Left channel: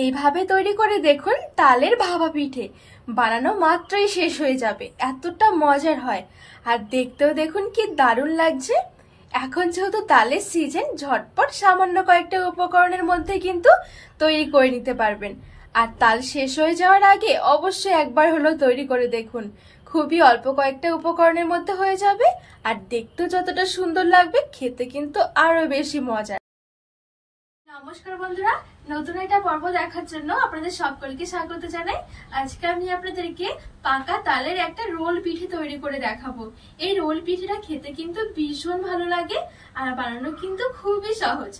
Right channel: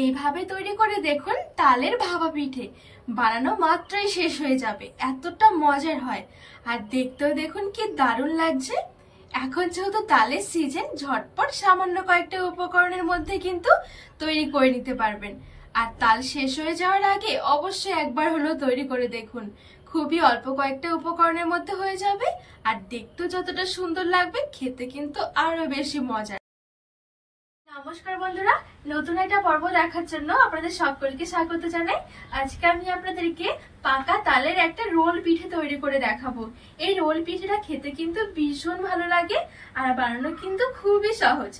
এইভাবে তৈরি করে দেখুন তালের ভাপা পিঠে। বানানো মাত্রই শেষ হয়ে যাবে, এতটা মজার হয়। আর দেখতেও দেখুন কি দারুণ লাগছে। এখন যেহেতু তালের সিজন, ঝটপট সামান্য কয়েকটা উপকরণের মধ্যে কিন্তু তৈরি করে নিতে পারবেন। আর তাল শেষ হয়ে যাওয়ার আগে অবশ্যই একবার হলেও তৈরি করে দেখুন। খুবই অল্প কয়েকটা উপকরণের মধ্যে হয়ে যাবে, আর দেখতেও যতটা সুন্দর লাগবে, খেতে কিন্তু আরো বেশি মজা। নমস্কার বন্ধুরা, নতুন একটা পর্ব দেখার জন্য আপনাদের সকলকে স্বাগত জানাই। আজকে আমি আপনাদেরকে পাকা তালের একটা রোল পিঠে তৈরি করে দেখাবো। এই রোল পিঠেটা খেতে কিন্তু ভীষণ ভালো লাগে, আর বানানো কিন্তু খুবই সহজ।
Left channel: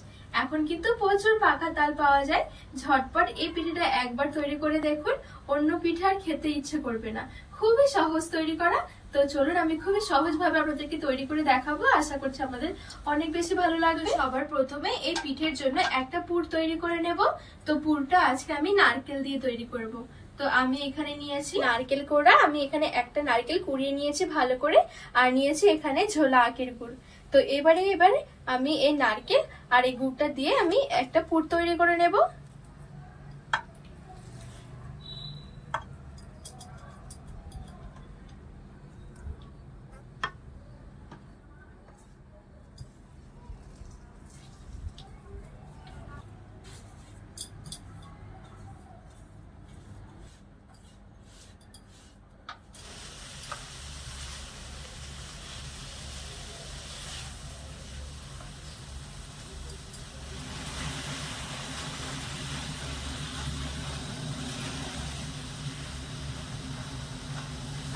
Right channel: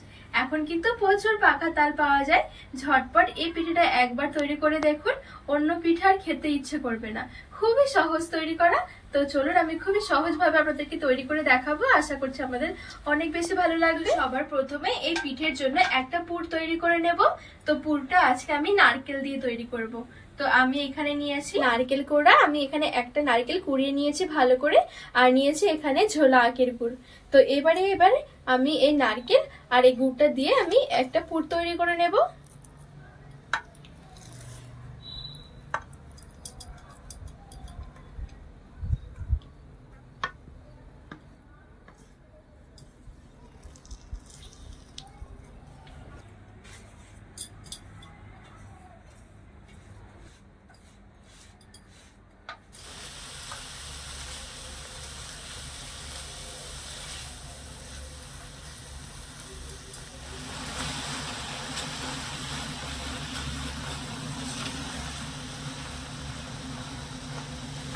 এখন কিন্তু প্রচুর পাকা তাল পাওয়া যায়। ঝটপট এই পিঠেটা একবার তৈরি করে দেখুন, অন্য পিঠে আর খেতে ইচ্ছে করবে না। খুবই সহজ তৈরি করা। তো চলুন আমি খুবই সহজভাবে আপনাদেরকে তৈরি করে দেখাবো। আশা করছি আপনাদের অনেক বেশি ভালো লাগবে। সবার প্রথমে এই পিঠের জন্য একটা পুর তৈরি করে নেব। তো পুরটা আজকে আমি নারকেল দিয়ে তৈরি করব। তো আমি এখানে নিয়েছি নারকেল কোড়া। আমি এখানে একটা নারকেল কুড়িয়ে নিয়েছি ভালো করে, আর নিয়েছি এখানে ঝোলা আখের গুড়। তো এবারে আমি এই নারকেল আর এই গুড়টা দিয়ে আমি একটা পুর তৈরি করে নেব।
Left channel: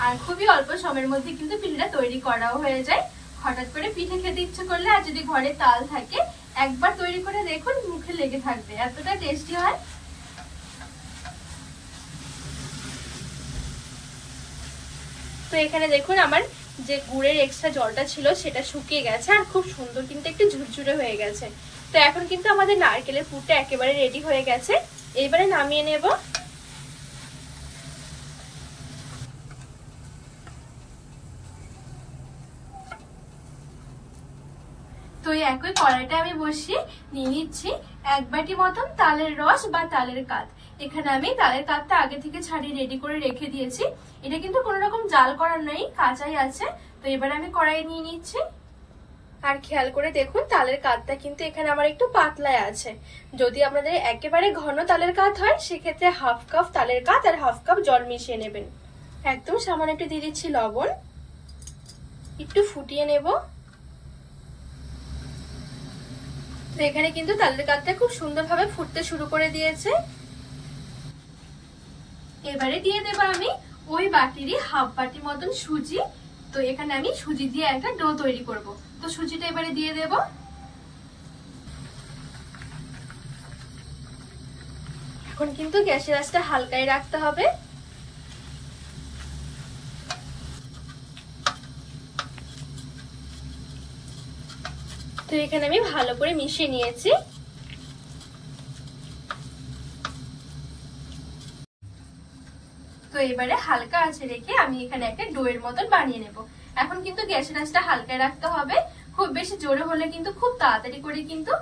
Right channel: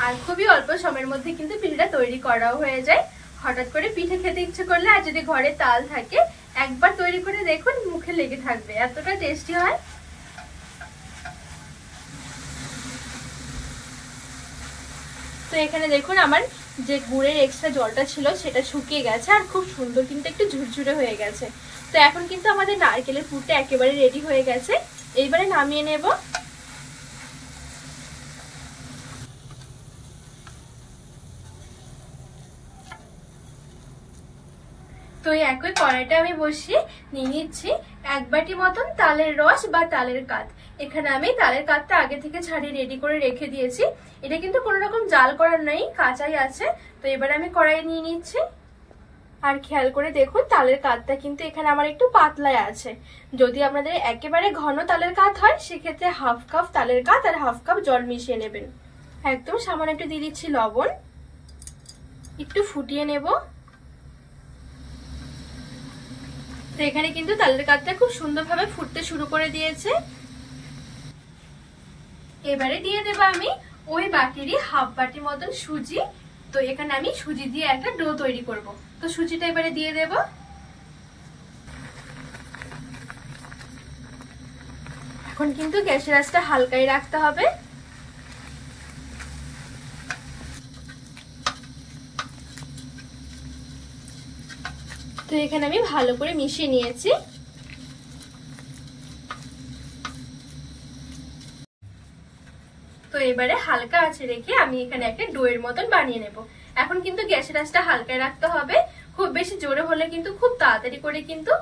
আর খুবই অল্প সময়ের মধ্যে কিন্তু পিঠেটা তৈরি করাও হয়ে যায়। হঠাৎ করে পিঠে খেতে ইচ্ছে করলে আর যদি ঘরে তাল থাকে, একবার তৈরি করে দেখুন, মুখে লেগে থাকবে, এতটা টেস্টি হয়। তো এখানে দেখুন আমার যে গুড়ের এক্সট্রা জলটা ছিল সেটা শুকিয়ে গেছে, আর খুব সুন্দর কিন্তু একটু ঝুরঝুরে হয়ে গেছে। তো এখন কিন্তু আমাদের নারকেলের পুরটা একেবারে রেডি হয়ে গেছে। এইবারে নামিয়ে নেব। তো এই একই কড়াইটা আমি বসিয়ে নিয়ে নিচ্ছি 1 বাটি মতন তালের রস বা তালের কাঠ। এখানে আমি তালের কাঠটা আগে থেকে ছাড়িয়ে রেডি করে রেখে দিয়েছি। এটা কিন্তু কোনো রকম জাল করার নেই, কাঁচাই আছে। তো এবার আমি কড়াই নিয়ে নিচ্ছি। আর খেয়াল করে দেখুন তালের কাঠটা কিন্তু এখানে আমার একটু পাতলায় আছে। যদি আপনাদের একেবারে ঘন তালের কাঠ হয়, সেক্ষেত্রে 1/2 কাপ তালের কাঠ আর 1/2 কাপ জল মিশিয়ে নেবেন। একদম সামান্য একটু দিয়ে দিচ্ছি লবণ, একটু ফুটিয়ে নেব। তো এখানে কিন্তু তালের কাঠটা খুব সুন্দরভাবে ফুটতে শুরু করে দিয়েছে। এবারে দিয়ে দেব আমি ওই বাটিরই 1/2 বাটি মতন সুজি। তো এখানে আমি সুজি দিয়ে একটা ডো তৈরি করব। তো সুজিটা এবারে দিয়ে দেব। এখন কিন্তু গ্যাসের আঁচটা হালকাই রাখতে হবে। তো এখানে আমি ভালো করে মিশিয়ে নিয়েছি। তো এবারে হালকা আঁচে রেখে আমি এখানে একটা ডোয়ের মতন বানিয়ে নেব। এখন কিন্তু গ্যাসের আঁচটা হালকায় রাখতে হবে। খুব বেশি জোরে হলে কিন্তু খুব তাড়াতাড়ি করে কিন্তু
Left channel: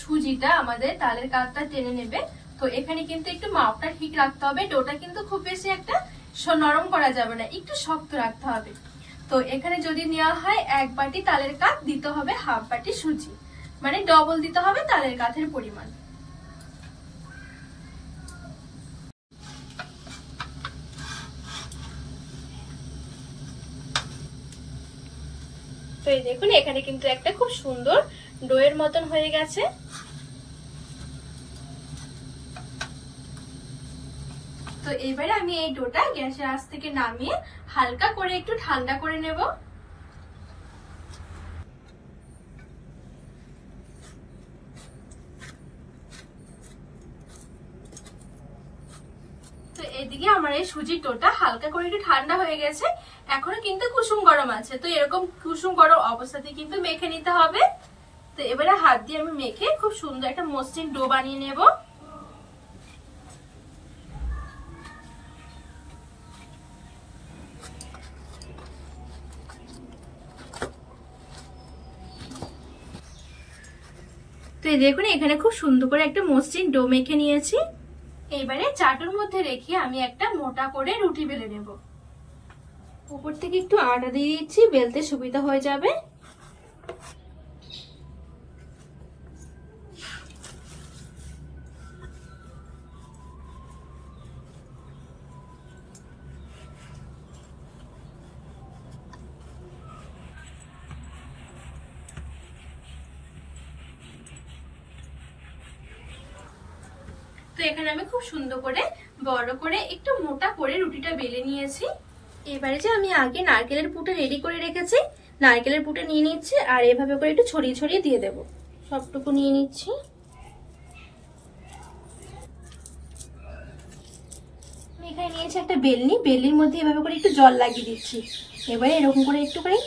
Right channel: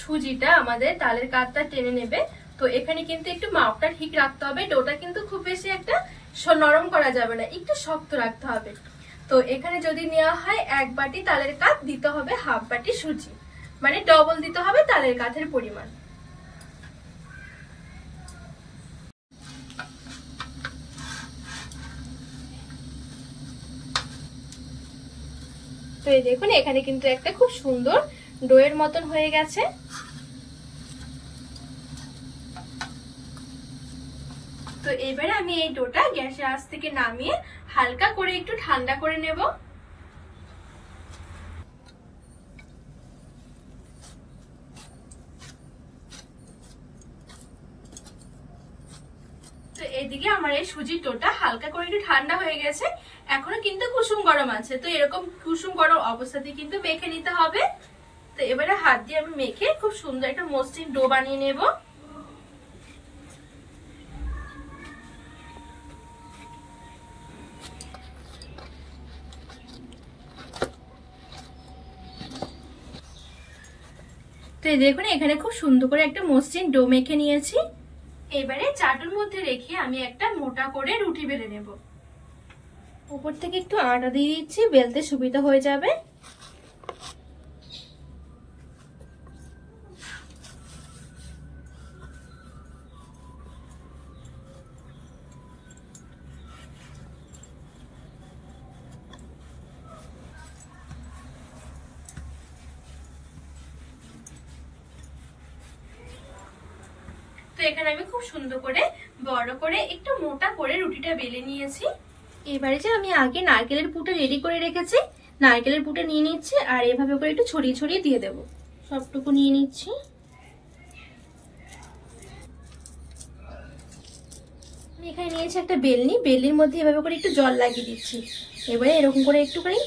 সুজিটা আমাদের তালের কাঠটা টেনে নেবে। তো এখানে কিন্তু একটু মাপটা ঠিক রাখতে হবে। ডোটা কিন্তু খুব বেশি একটা নরম করা যাবে না, একটু শক্ত রাখতে হবে। তো এখানে যদি নেওয়া হয় 1 বাটি তালের কাঠ, দিতে হবে 1/2 বাটি সুজি, মানে ডবল দিতে হবে তালের কাঠের পরিমাণ। তো এই দেখুন এখানে কিন্তু একটা খুব সুন্দর ডোয়ের মতন হয়ে গেছে। তো এবারে আমি এই ডোটা গ্যাসের আঁচ থেকে নামিয়ে হালকা করে একটু ঠান্ডা করে নেব। তো এদিকে আমার এই সুজির ডোটা হালকা করে একটু ঠান্ডা হয়ে গেছে। এখনো কিন্তু কুসুম গরম আছে। তো এরকম কুসুম গরম অবস্থাতে কিন্তু মেখে নিতে হবে। তো এবারে হাত দিয়ে আমি মেখে খুব সুন্দর একটা মসৃণ ডো বানিয়ে নেব। তো দেখুন এখানে খুব সুন্দর করে একটা মসৃণ ডো মেখে নিয়েছি। এবারে চাটুর মধ্যে রেখে আমি একটা মোটা করে রুটি বেলে নেব। উপর থেকে একটু আটা দিয়ে দিচ্ছি, বেলতে সুবিধা হয়ে যাবে। তো এখানে আমি খুব সুন্দর করে বড় করে একটু মোটা করে রুটিটা বেলে নিয়েছি। এবারে যে আমি আগে নারকেলের পুরটা রেডি করে রেখেছি, নারকেলের পুরটা নিয়ে নিচ্ছি আর এভাবে করে একটু ছড়িয়ে ছড়িয়ে দিয়ে দেব। সবটুকু নিয়ে নিচ্ছি। আমি এখানে নিয়েছি একটা বেলনি, বেলনির মধ্যে এভাবে করে একটু জল লাগিয়ে দিচ্ছি। এবারে এরকম করে একটু করে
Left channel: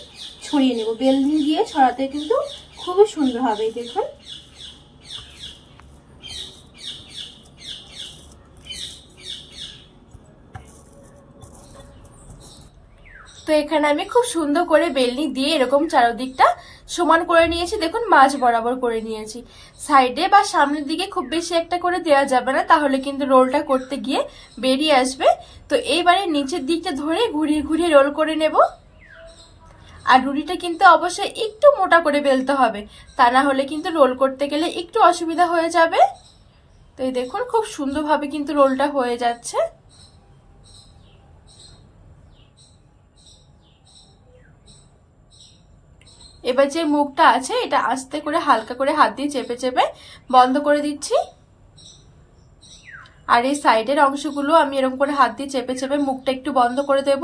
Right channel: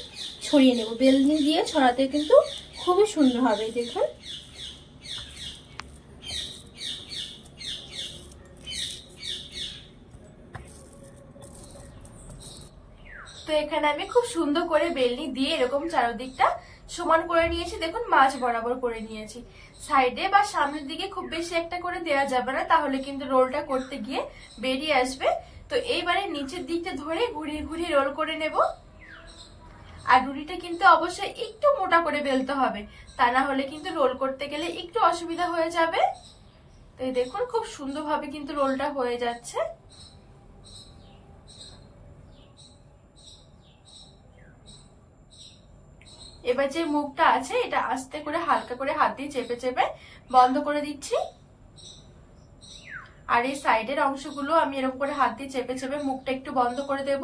ছড়িয়ে নেব। বেলনি দিয়ে ছড়াতে কিন্তু খুবই সুন্দর হবে। দেখুন তো এখানে আমি খুব সুন্দর করে বেলনি দিয়ে এরকম চারদিকটা সমান করে নিয়েছি। দেখুন মাঝ বরাবর করে নিয়েছি। সাইডে বা সামনের দিকে খুব বেশি একটা করে দেওয়া যাবে না, তাহলে কিন্তু রোলটা করতে গিয়ে বেরিয়ে আসবে। তো এইবারে নিচের দিকটা ধরে ঘুরিয়ে ঘুরিয়ে রোল করে নেব। আর রুটিটা কিন্তু অবশ্যই একটু মোটা করে বেলতে হবে, তা না হলে কিন্তু রোল করতে গেলে একটু অসুবিধা হয়ে যাবে। তো এই দেখুন খুব সুন্দরভাবে কিন্তু রোলটা হয়ে যাচ্ছে। এবার যে মুখটা আছে এটা আস্তে করে হালকা করে হাত দিয়ে চেপে চেপে বন্ধ করে দিচ্ছি। আর এই সাইডের অংশগুলো আমি এরকম করে হাত দিয়ে চেপে চেপে মুখটা একটু বন্ধ করে দেব।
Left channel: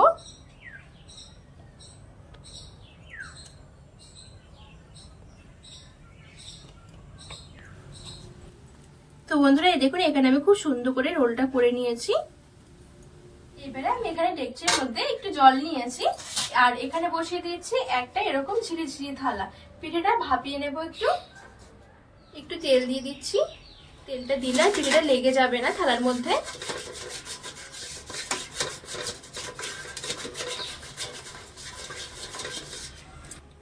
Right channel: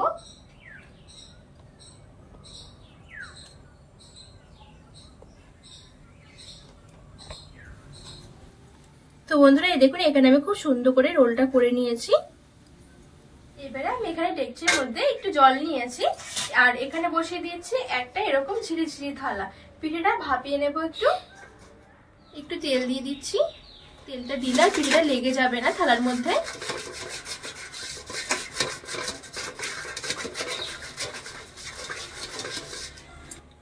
তো বন্ধুরা এই দেখুন এখানে আমি খুব সুন্দর করে রোলটা করে নিয়েছি। এবারে আমি এখানে ডেকচির মধ্যে একটু জল নিয়েছি আর এখানে বসিয়ে দিয়েছি একটা এরকম ঝিরি ঝিরি থালা। পিঠেটা ভাপিয়ে নেব। একটু তেল দিয়ে দিচ্ছি। তেলটা দিলে পিঠেটা লেগে যাবে না থালার মধ্যে।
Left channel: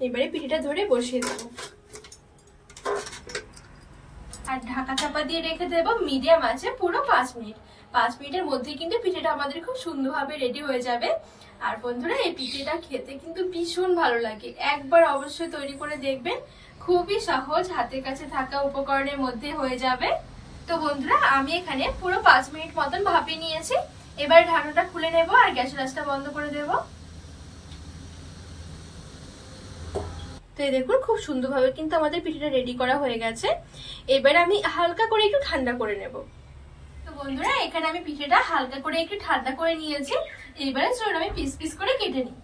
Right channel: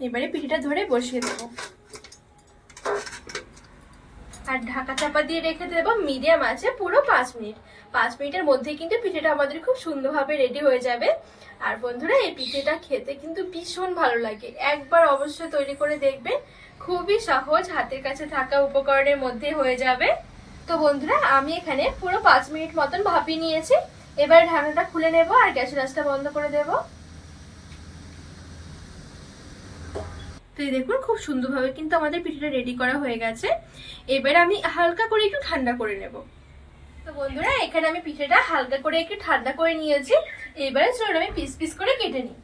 এবারে পিঠেটা ধরে বসিয়ে দেবো আর ঢাকা চাপা দিয়ে রেখে দেবো মিডিয়াম আছে পুরো 5 মিনিট। 5 মিনিটের মধ্যে কিন্তু পিঠেটা আমাদের খুব সুন্দরভাবে রেডি হয়ে যাবে। আর বন্ধুরা এই পিঠেটা খেতে কিন্তু ভীষণ ভালো লাগে, একবার অবশ্যই তৈরি করে দেখবেন। খুবই সহজ, হাতের কাছে থাকা উপকরণের মধ্যে হয়ে যাবে। তো বন্ধুরা আমি এখানে পুরো 5 মিনিট মতন ভাপিয়ে নিয়েছি। এবার ঢাকনাটা খুলে নেব আর গ্যাসের আঁচটা বন্ধ করে দেব। তো এই দেখুন খুব সুন্দরভাবে কিন্তু আমাদের পিঠেটা রেডি করা হয়ে গেছে। এবার আমি হালকা করে একটু ঠান্ডা করে নেব। তো বন্ধুরা এখানে আমি পিঠেটা হালকা করে একটু ঠান্ডা করে নিয়েছি। এবারে চলুন আমি পিস পিস করে কেটে নিই।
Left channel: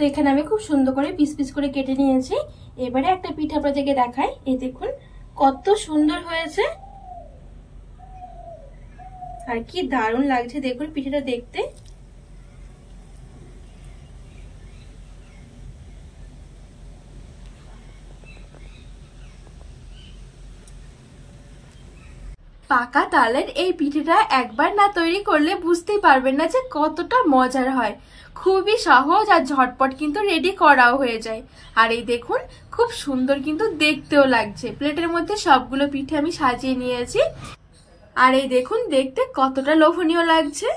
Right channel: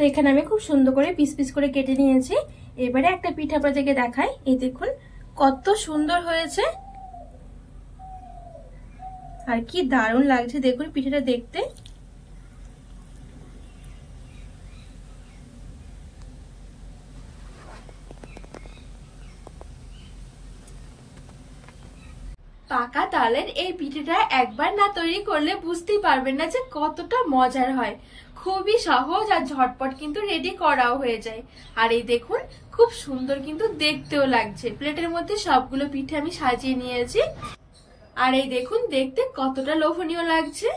তো এখানে আমি খুব সুন্দর করে পিস পিস করে কেটে নিয়েছি। এবারে একটা পিঠা আপনাদেরকে দেখাই। এই দেখুন কত সুন্দর হয়েছে আর কি দারুণ লাগছে দেখুন পিঠাটা দেখতে। পাকা তালের এই পিঠেটা একবার না তৈরি করলে বুঝতেই পারবেন না যে কতটা মজার হয়। খুবই সহজ আর ঝটপট কিন্তু রেডি করাও হয়ে যায়। আর এই দেখুন খুব সুন্দর কিন্তু দেখতেও লাগছে। প্লেটের মধ্যে সবগুলো পিঠে আমি সাজিয়ে নিয়েছি আর এই দেখুন দেখতে কতটা লোভনীয় লাগছে।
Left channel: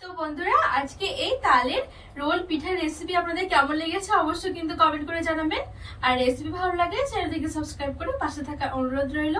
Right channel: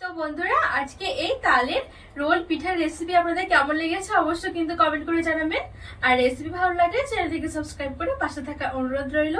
তো বন্ধুরা আজকে এই তালের রোল পিঠার রেসিপি আপনাদের কেমন লেগেছে অবশ্যই কিন্তু কমেন্ট করে জানাবেন। আর রেসিপি ভালো লাগলে চ্যানেলটিকে সাবস্ক্রাইব করে পাশে থাকা অনুরোধ রইল।